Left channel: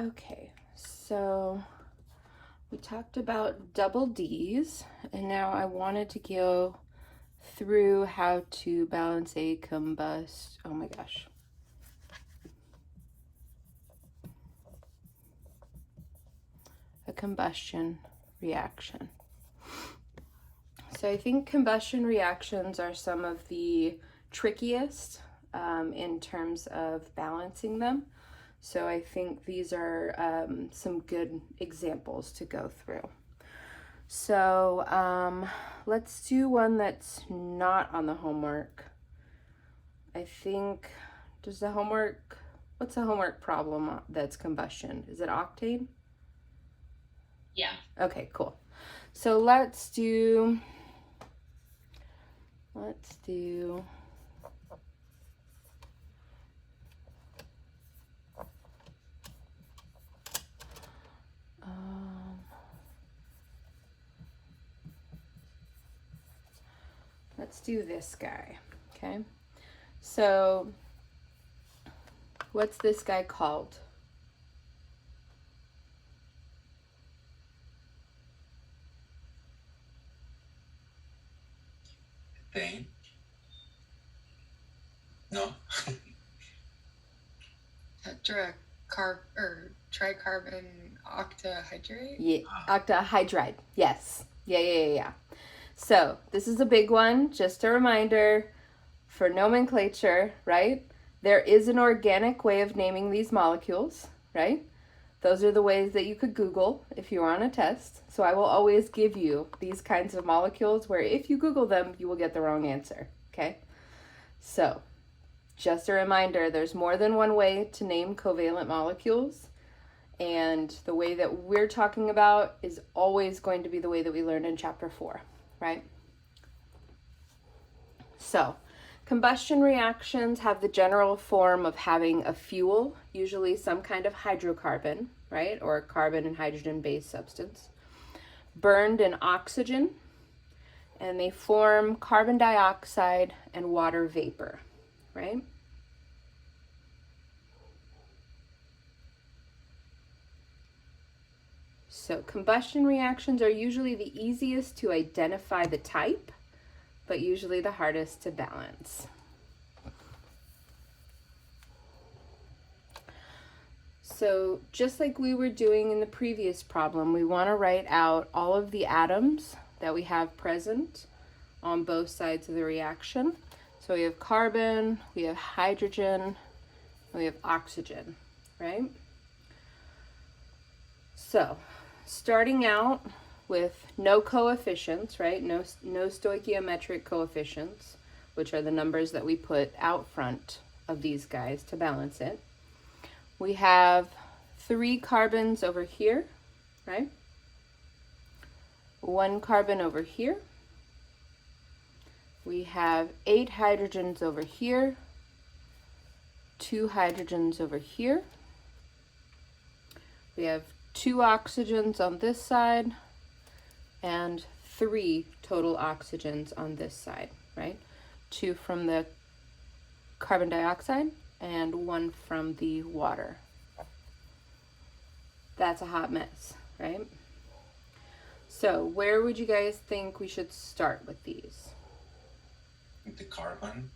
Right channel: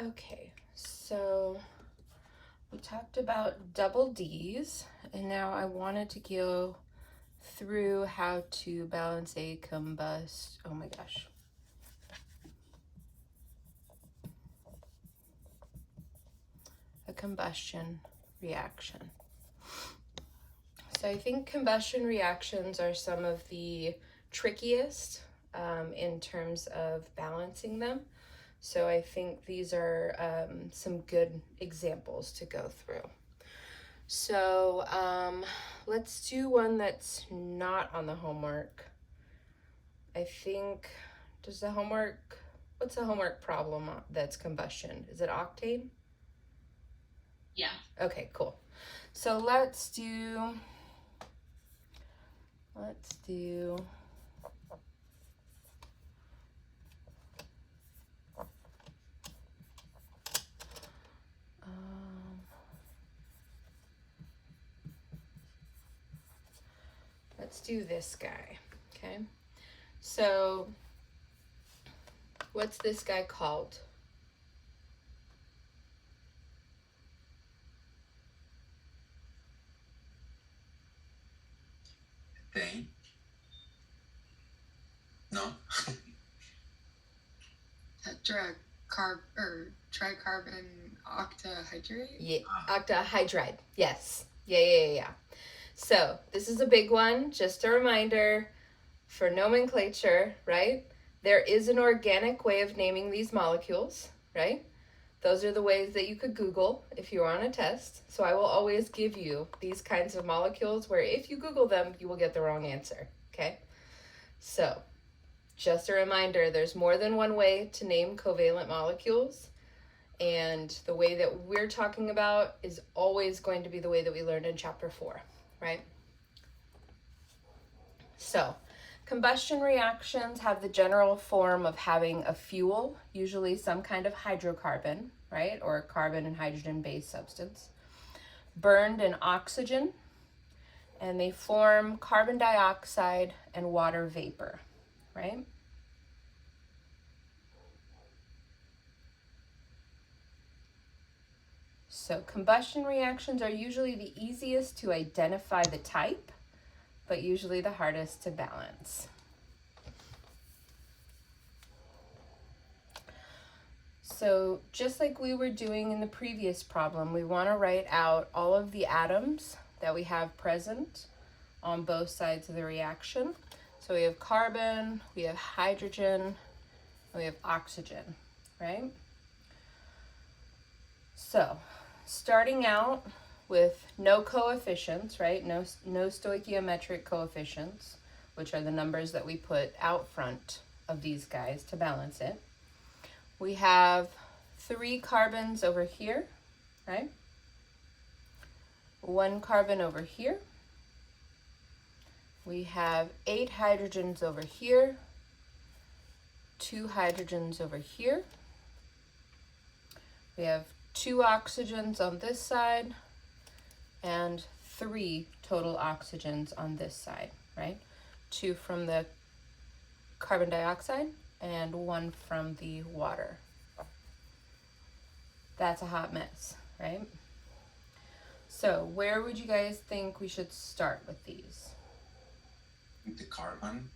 Okay, so we talked about double D's, and now I wanted to go through how to balance a oh my gosh. A combustion reaction. So I think combustion reactions are some of the trickiest in terms of balancing them. So I think these are some good examples to go through. So let's do one that's not on the homework. I think, what's the homework problem that's combustion? Is it octane? Yeah. Okay, cool. So let's do this guy, okay? So what's this guy called? Ethane? No. Tricarbon octahydride? Yeah, octahydride. Yes. Yeah. So this is a big one. Just a reminder for nomenclature, right? There is an organic way of naming these molecules, right? Those are the ways that you could Google if you were on a test. So I will always give you these kinds of molecules where if you Google them, you will get the wrong answer, okay? So just a reminder, there's more than one way to name covalent molecules. And the way that we're talking about is always going to be the way that we learned in chapter 4, right? So combustion reactions have the general form of having a fuel, usually some kind of hydrocarbon, right? Or a carbon and hydrogen based substance, burned in oxygen, and they form carbon dioxide and water vapor, right? So combustion reactions are usually the easiest to identify the type, but usually the hardest to balance. So just like we were doing in the previous problem, we want to write out all of the atoms that we have present on both sides of the reaction. So we have carbon, we have hydrogen, we have oxygen, right? So starting out with no coefficients, right? No stoichiometric coefficients, which are the numbers that we put out front of these guys to balance it. We have 3 carbons over here, right? 1 carbon over here. We have 8 hydrogens over here, 2 hydrogens over here. We have 2 oxygens on this side and 3 total oxygens on this side, right? 2 from the carbon dioxide and 1 from the water. That's a hot mess, right? So where would you guys think we should start with these? The carbon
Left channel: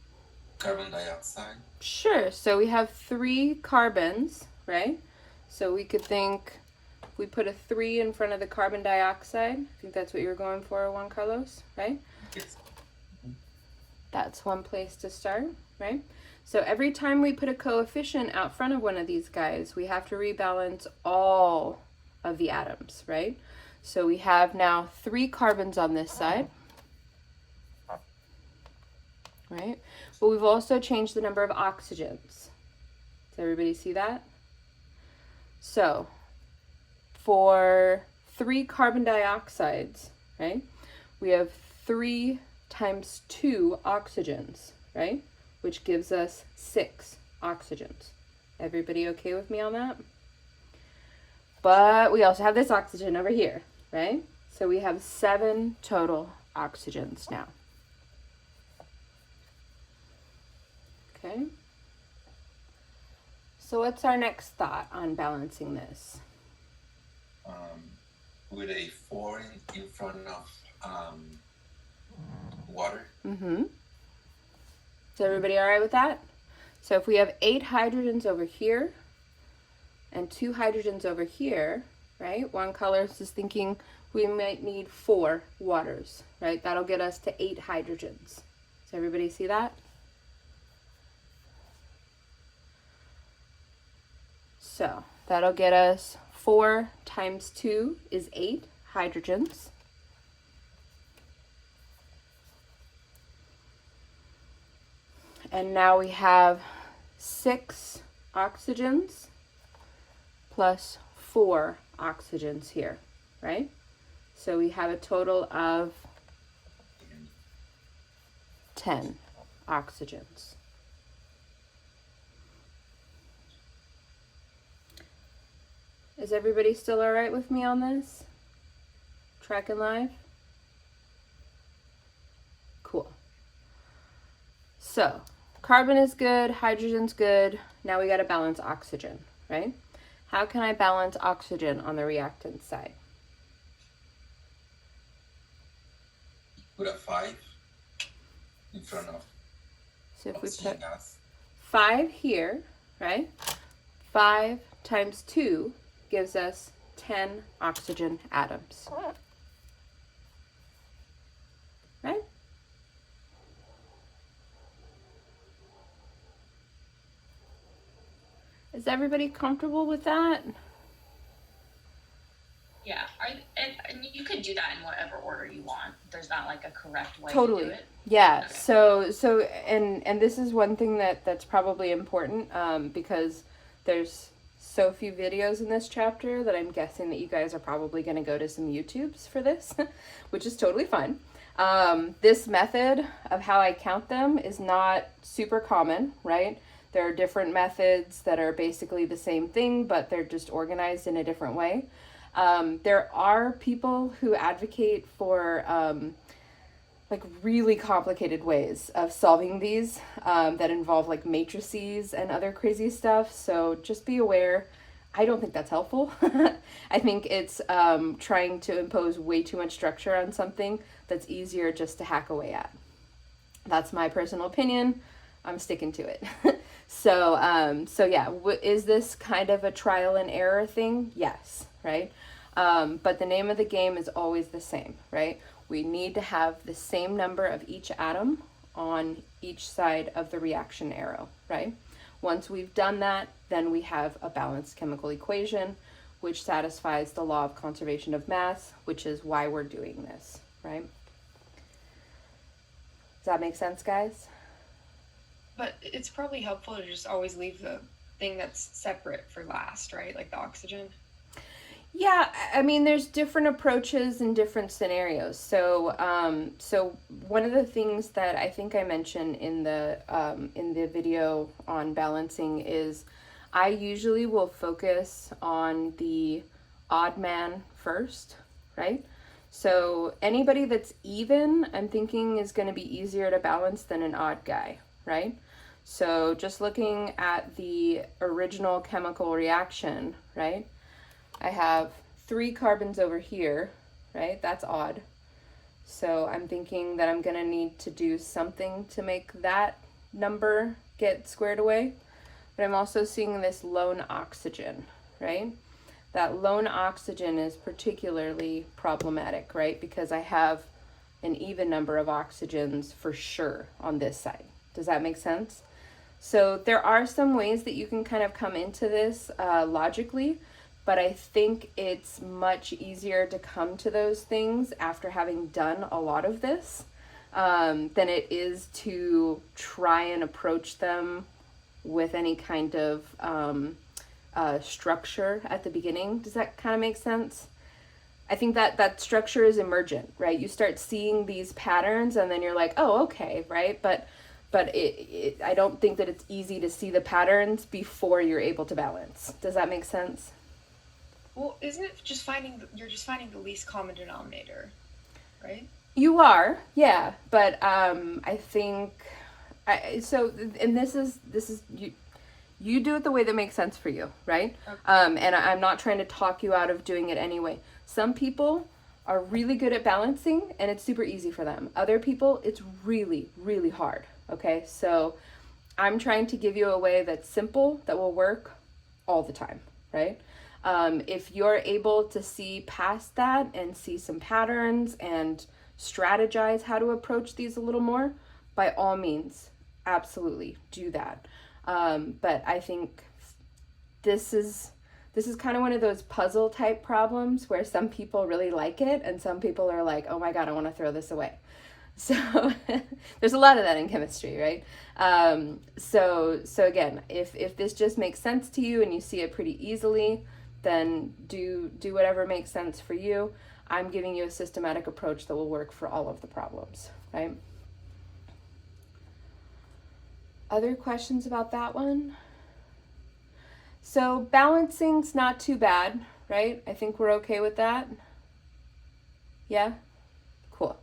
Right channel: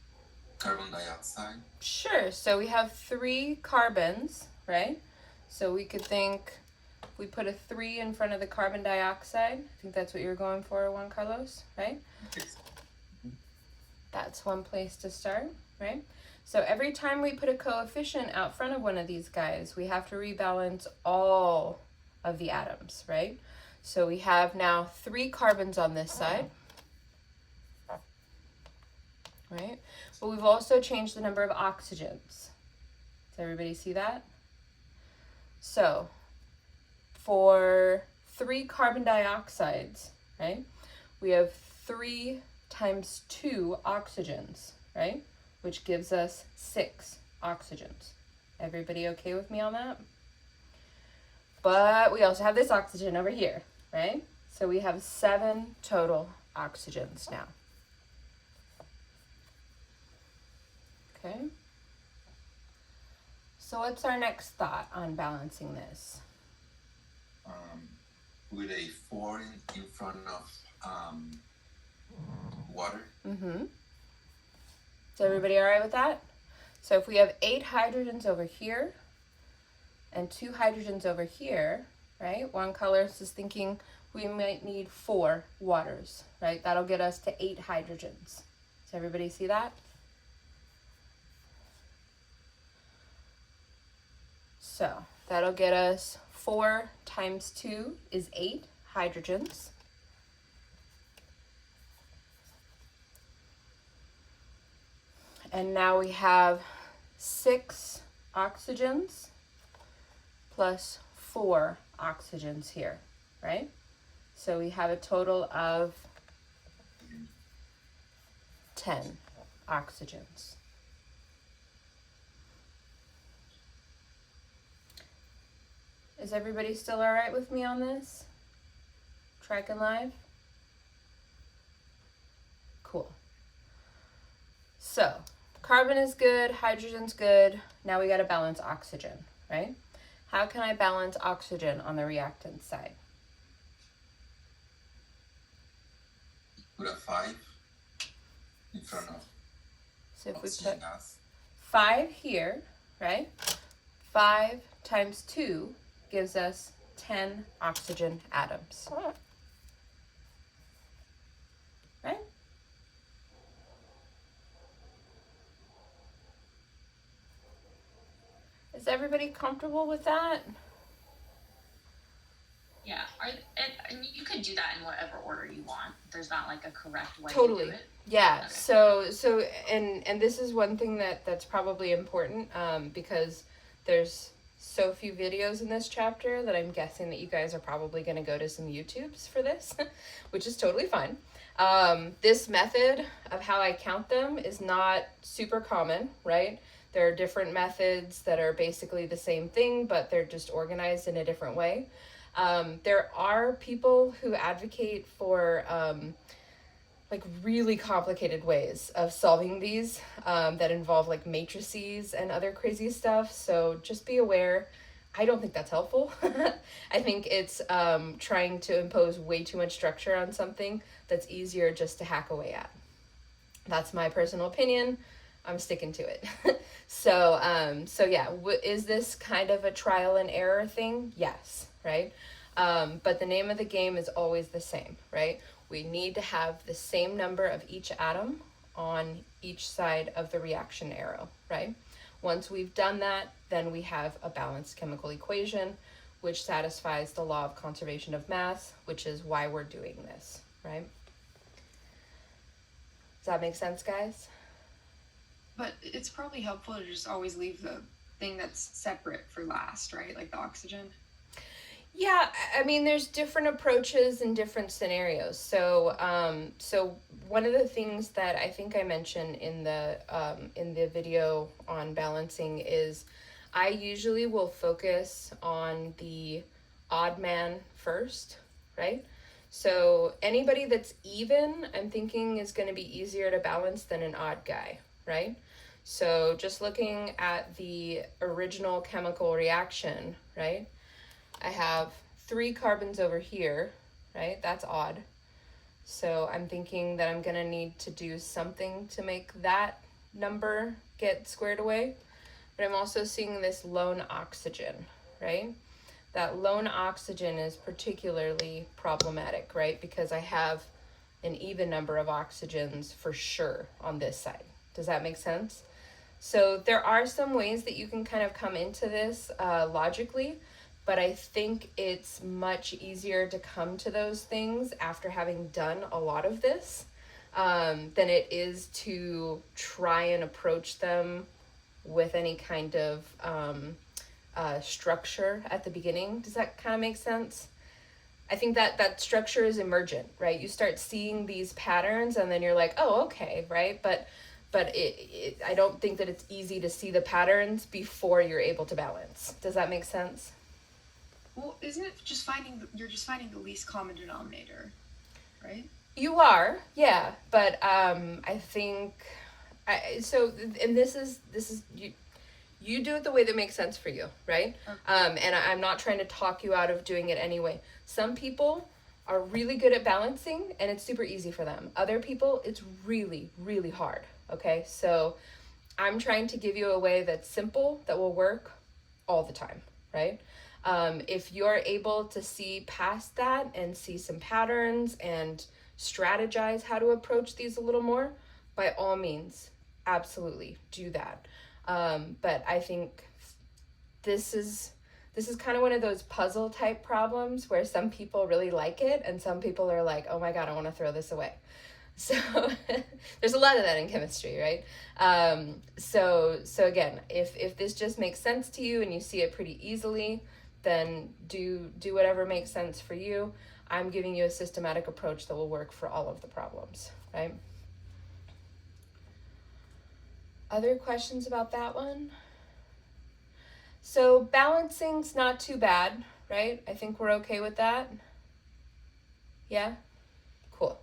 dioxide. Sure, so we have 3 carbons, right? So we could think, we put a 3 in front of the carbon dioxide. I think that's what you're going for, Juan Carlos, right? Yes. That's one place to start, right? So every time we put a coefficient out front of one of these guys, we have to rebalance all of the atoms, right? So we have now 3 carbons on this side, right? But we've also changed the number of oxygens. Does everybody see that? So for 3 carbon dioxides, right, we have 3 times 2 oxygens, right, which gives us 6 oxygens. Everybody okay with me on that? But we also have this oxygen over here, right? So we have 7 total oxygens now. Okay. So what's our next thought on balancing this? With a 4 in front of water. Mm-hmm. Is everybody all right with that? So if we have 8 hydrogens over here and 2 hydrogens over here, right? One colorist is thinking we might need 4 waters, right? That'll get us to 8 hydrogens. Does everybody see that? So that'll get us 4 times 2 is 8 hydrogens. And now we have 6 oxygens plus 4 oxygens here, right? So we have a total of 10 oxygens. Is everybody still all right with me on this? Tracking live? Cool. So, carbon is good, hydrogen's good. Now we got to balance oxygen, right? How can I balance oxygen on the reactant side? Put a 5 in front of So if we oxygen put gas. 5 here, right? 5 times 2 gives us 10 oxygen atoms. Right? Is everybody comfortable with that? Yeah, and you could do that in whatever order you want. There's not like a correct way Totally. to do it. Yeah. Okay. So and this is one thing that's probably important because there's so few videos in this chapter that I'm guessing that you guys are probably going to go to some YouTubes for this, which is totally fine. This method of how I count them is not super common, right? There are different methods that are basically the same thing, but they're just organized in a different way. There are people who advocate for like really complicated ways of solving these that involve like matrices and other crazy stuff. So just be aware. I don't think that's helpful. I think it's trying to impose way too much structure on something that's easier just to hack away at. That's my personal opinion. I'm sticking to it. So yeah, is this kind of a trial and error thing? Yes, right? But the name of the game is always the same, right? We need to have the same number of each atom on each side of the reaction arrow, right? Once we've done that, then we have a balanced chemical equation, which satisfies the law of conservation of mass, which is why we're doing this, right? Does that make sense, guys? But it's probably helpful to just always leave the thing that's separate for last, right? Like the oxygen. Yeah, I mean, there's different approaches in different scenarios. So one of the things that I think I mentioned in the video on balancing is I usually will focus on the odd man first, right? So anybody that's even, I'm thinking is going to be easier to balance than an odd guy, right? So just looking at the original chemical reaction, right? I have 3 carbons over here, right? That's odd. So I'm thinking that I'm going to need to do something to make that number get squared away. But I'm also seeing this lone oxygen, right? That lone oxygen is particularly problematic, right? Because I have an even number of oxygens for sure on this side. Does that make sense? So there are some ways that you can kind of come into this logically, but I think it's much easier to come to those things after having done a lot of this than it is to try and approach them with any kind of structure at the beginning. Does that kind of make sense? I think that structure is emergent, right? You start seeing these patterns and then you're like, oh, okay, right? But I don't think that it's easy to see the patterns before you're able to balance. Does that make sense? Well, isn't it just you're just finding the least common denominator, right? You are, yeah, but I think so. And this is You do it the way that makes sense for you, right? Okay. And I'm not trying to talk you out of doing it anyway. Some people are really good at balancing and it's super easy for them. Other people, it's really, really hard, okay? So I'm trying to give you a way that's simple, that will work all the time, right? If you're able to see past that and see some patterns and strategize how to approach these a little more, by all means, absolutely do that. But I think this is kind of one of those puzzle type problems where some people really like it and some people are like, oh my God, I want to throw this away. So there's a lot of that in chemistry, right? So again, if this just makes sense to you and you see it pretty easily, then do whatever makes sense for you. I'm giving you a systematic approach that will work for all of the problems, right? Other questions about that one? So balancing's not too bad, right? I think we're okay with that. Yeah? Cool.